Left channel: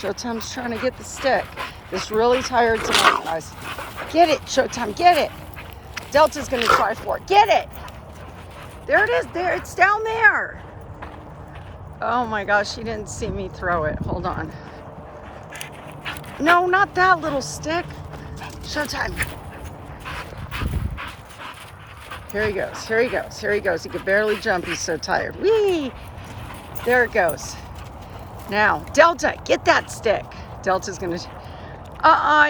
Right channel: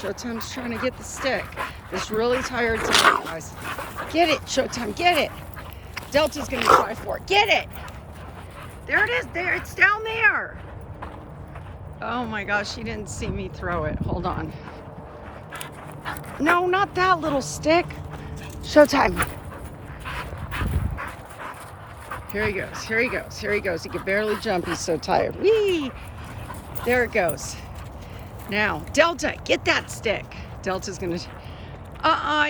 Showtime's trying to get the stick. It's really tired tonight, guys. Get it, Showtime, get it. Delta's gonna try for it. Get it. There it is, there, it's down there. Oh my gosh, she didn't see me throw it. Hold on. No, not that little stick. Showtime. Here he goes, here he goes, here he goes. He can barely jump, he's so tired. Whee! There it goes. Now, Delta, get that stick. Delta's gonna,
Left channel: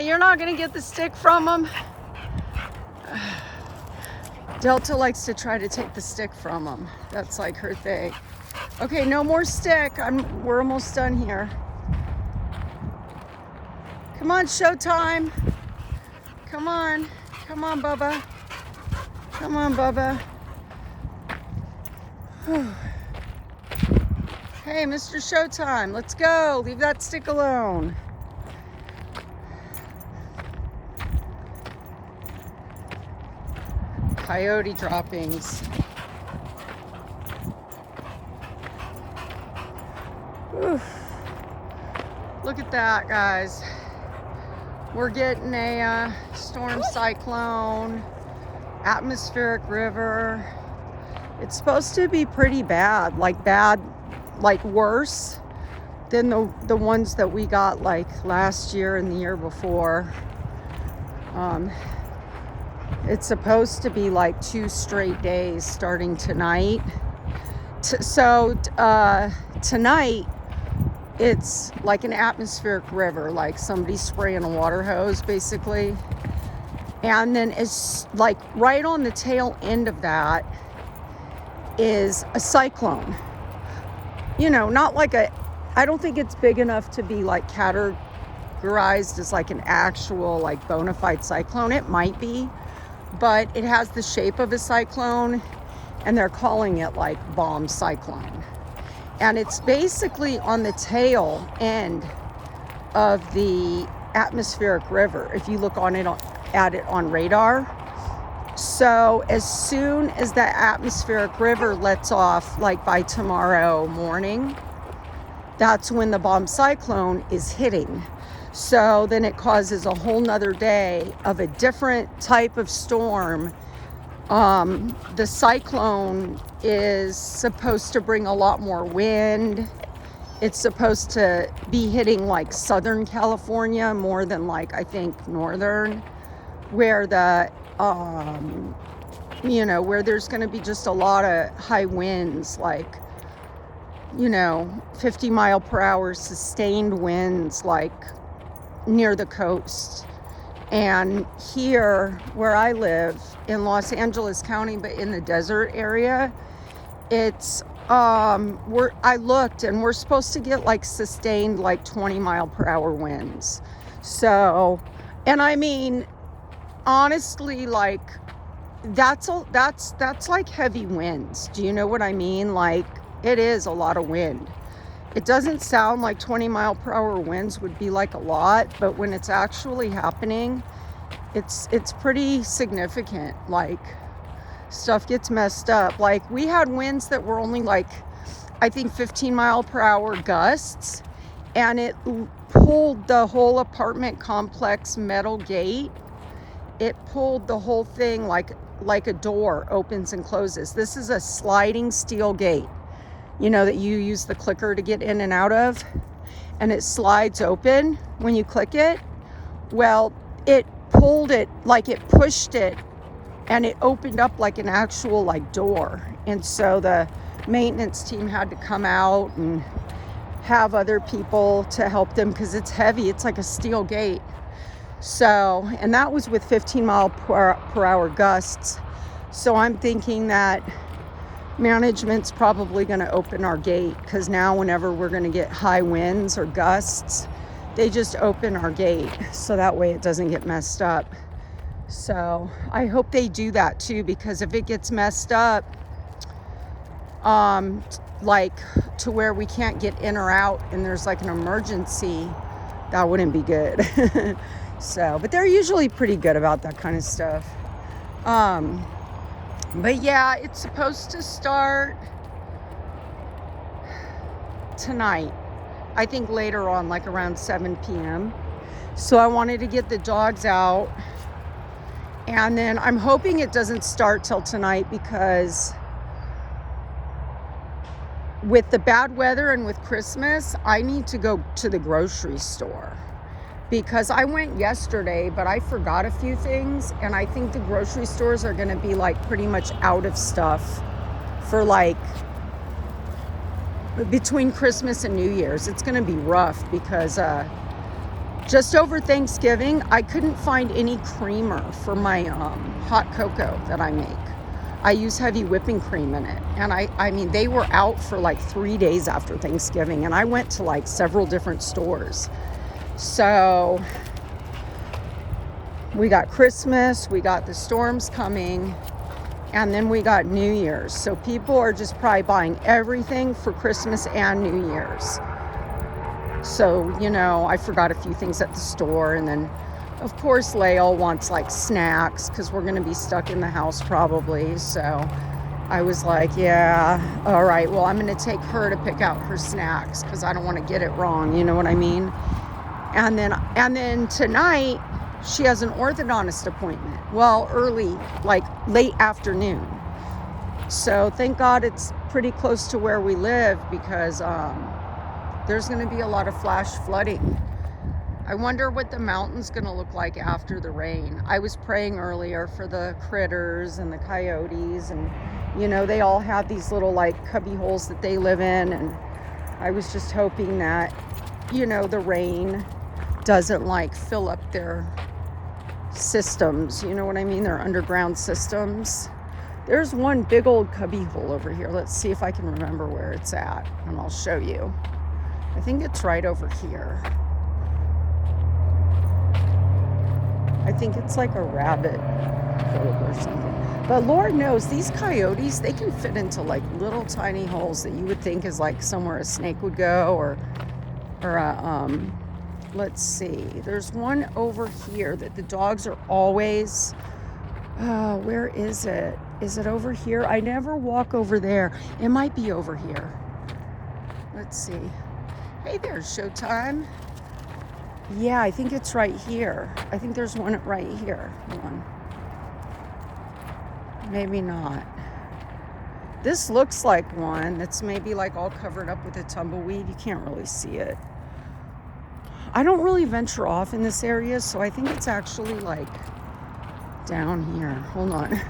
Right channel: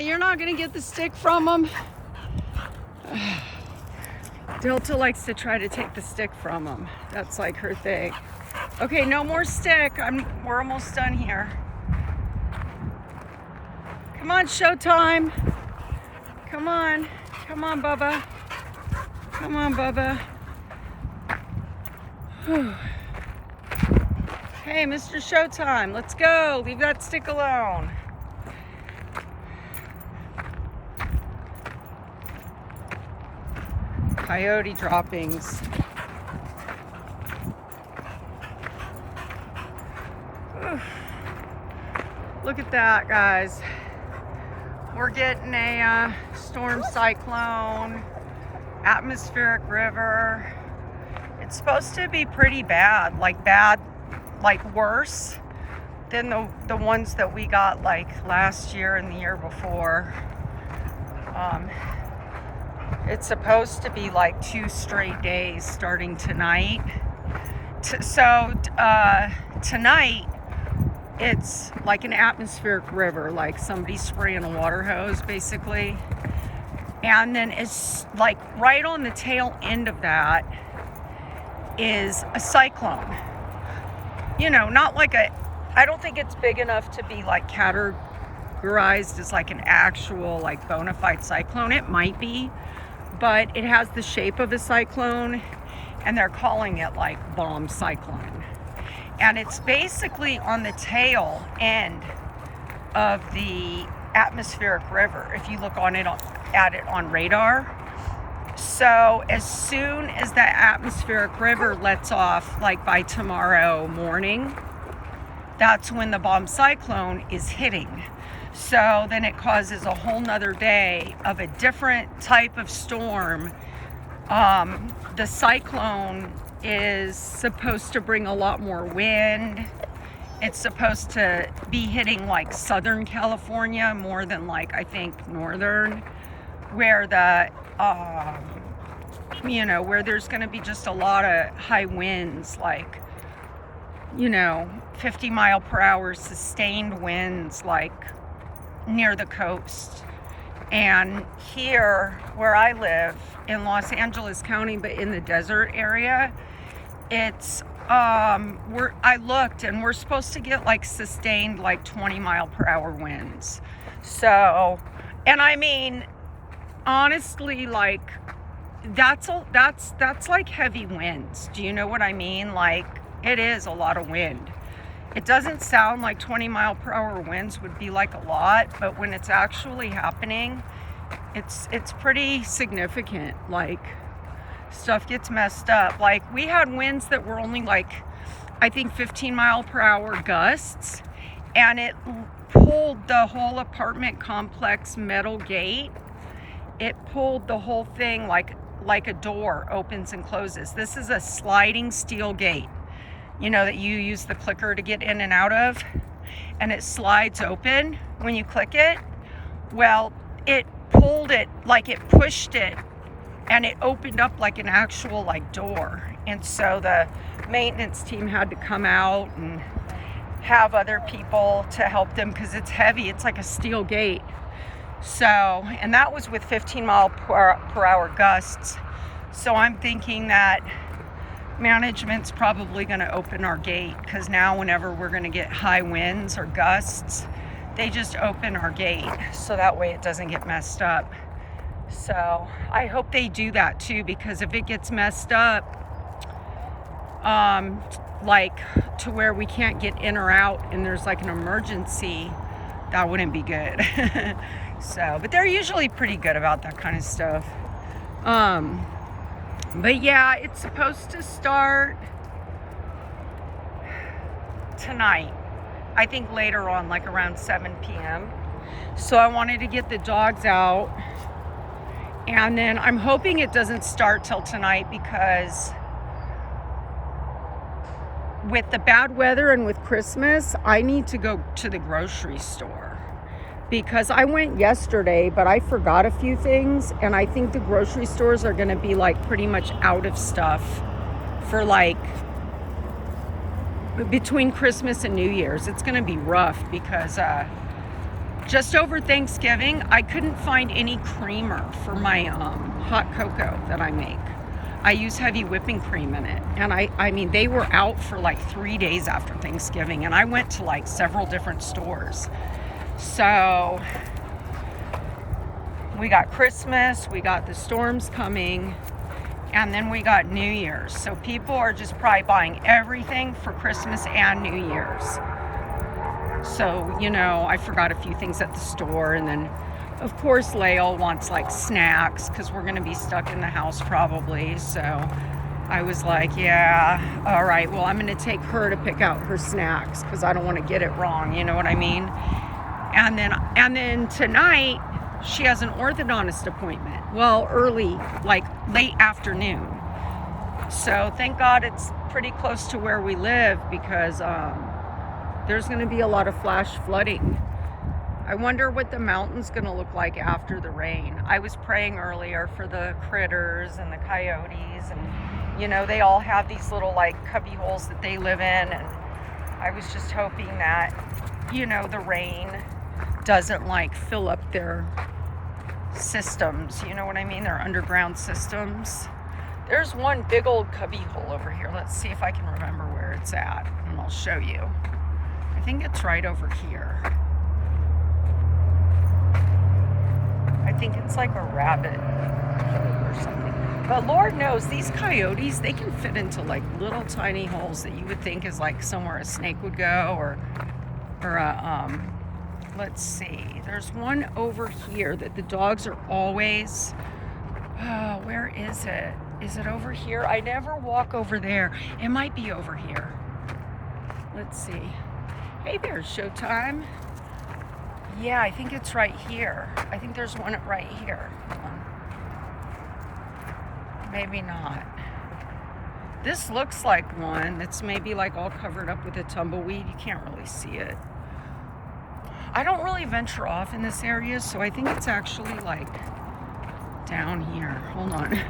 you're not gonna get the stick from him. Delta likes to try to take the stick from him. That's like her thing. Okay, no more stick. We're almost done here. Come on, Showtime. Come on. Come on, Bubba. Come on, Bubba. Whew. Hey, Mr. Showtime, let's go. Leave that stick alone. Coyote droppings. Oof. Look at that, guys. We're getting a storm cyclone, atmospheric river. It's supposed to be pretty bad, like worse than the ones that we got like last year and the year before. It's supposed to be like 2 straight days starting tonight. Tonight, it's like an atmospheric river, like somebody spraying a water hose, basically. And then it's like right on the tail end of that is a cyclone. You know, not like I don't think it's big enough to be like categorized as like an actual like bona fide cyclone. It might be, but it has the shape of a cyclone, and they're calling it like bomb cyclone. And it's basically on the tail end of the atmospheric river, if you look at it on radar. So as soon as the atmospheric river lets off, like by tomorrow morning, that's when the bomb cyclone is hitting. So then it causes a whole nother day of a different type of storm. The cyclone is supposed to bring a lot more wind. It's supposed to be hitting like Southern California more than like, I think, Northern, where the, you know, where there's going to be just a lot of high winds, like, you know, 50-mile-per-hour sustained winds, like near the coast. And here where I live in Los Angeles County, but in the desert area, it's I looked and we're supposed to get like sustained like 20-mile-per-hour winds. So, and I mean, honestly, like that's like heavy winds. Do you know what I mean? Like it is a lot of wind. It doesn't sound like 20-mile-per-hour winds would be like a lot, but when it's actually happening, it's pretty significant. Like stuff gets messed up. Like we had winds that were only like, I think 15-mile-per-hour gusts, and it pulled the whole apartment complex metal gate. It pulled the whole thing like a door opens and closes. This is a sliding steel gate, you know, that you use the clicker to get in and out of, and it slides open when you click it. Well, it pulled it, like it pushed it, and it opened up like an actual like door. And so the maintenance team had to come out and have other people to help them because it's heavy. It's like a steel gate. So, and that was with 15-mile-per-hour gusts. So I'm thinking that management's probably going to open our gate, because now whenever we're going to get high winds or gusts, they just open our gate so that way it doesn't get messed up. So I hope they do that too, because if it gets messed up, like to where we can't get in or out and there's like an emergency, that wouldn't be good. So, but they're usually pretty good about that kind of stuff. But yeah, it's supposed to start tonight. I think later on, like around 7 p.m. So I wanted to get the dogs out. And then I'm hoping it doesn't start till tonight, because with the bad weather and with Christmas, I need to go to the grocery store. Because I went yesterday, but I forgot a few things. And I think the grocery stores are going to be like pretty much out of stuff for like between Christmas and New Year's. It's going to be rough because just over Thanksgiving, I couldn't find any creamer for my hot cocoa that I make. I use heavy whipping cream in it. And I mean, they were out for like 3 days after Thanksgiving. And I went to like several different stores. So we got Christmas, we got the storms coming, and then we got New Year's. So people are just probably buying everything for Christmas and New Year's. So, you know, I forgot a few things at the store. And then, of course, Lael wants like snacks because we're going to be stuck in the house probably. So I was like, yeah, all right, well, I'm going to take her to pick out her snacks because I don't want to get it wrong. You know what I mean? And then tonight, she has an orthodontist appointment. Well, early, like late afternoon. So thank God it's pretty close to where we live, because there's going to be a lot of flash flooding. I wonder what the mountain's going to look like after the rain. I was praying earlier for the critters and the coyotes, and you know, they all have these little like cubby holes that they live in, and I was just hoping that, you know, the rain doesn't like fill up their systems, you know what I mean, their underground systems. There's one big old cubby hole over here. Let's see if I can remember where it's at, and I'll show you. I think it's right over here. I think it's like a rabbit hole or something. But Lord knows, these coyotes, they can fit into like little tiny holes that you would think is like somewhere a snake would go, or a let's see, there's one over here that the dogs are always, where is it? Is it over here? I never walk over there. It might be over here. Let's see. Hey there, Showtime. Yeah, I think it's right here. I think there's one right here. Hold on. Maybe not. This looks like one that's maybe like all covered up with a tumbleweed. You can't really see it. I don't really venture off in this area, so I think it's actually like down here. Hold on.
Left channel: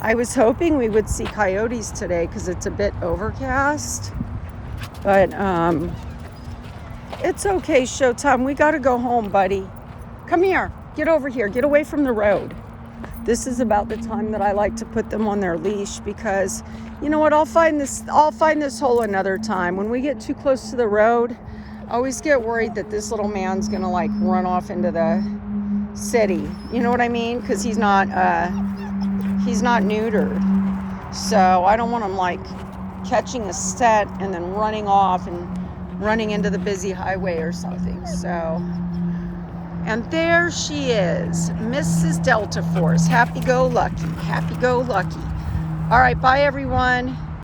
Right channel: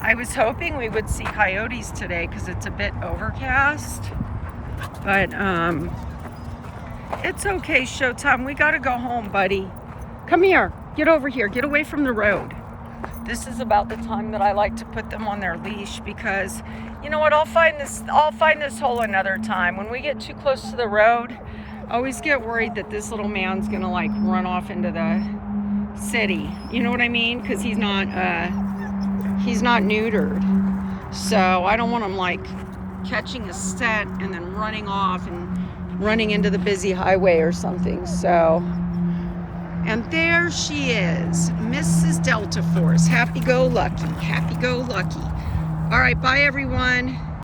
I was hoping we would see coyotes today because it's a bit overcast, but it's okay, Showtime. We gotta go home, buddy. Come here. Get over here. Get away from the road. This is about the time that I like to put them on their leash, because you know what, I'll find this hole another time. When we get too close to the road, I always get worried that this little man's gonna like run off into the city. You know what I mean? Because he's not neutered. So I don't want him like catching a set and then running off and running into the busy highway or something. So, and there she is, Mrs. Delta Force. Happy-go-lucky, happy-go-lucky. All right, bye everyone.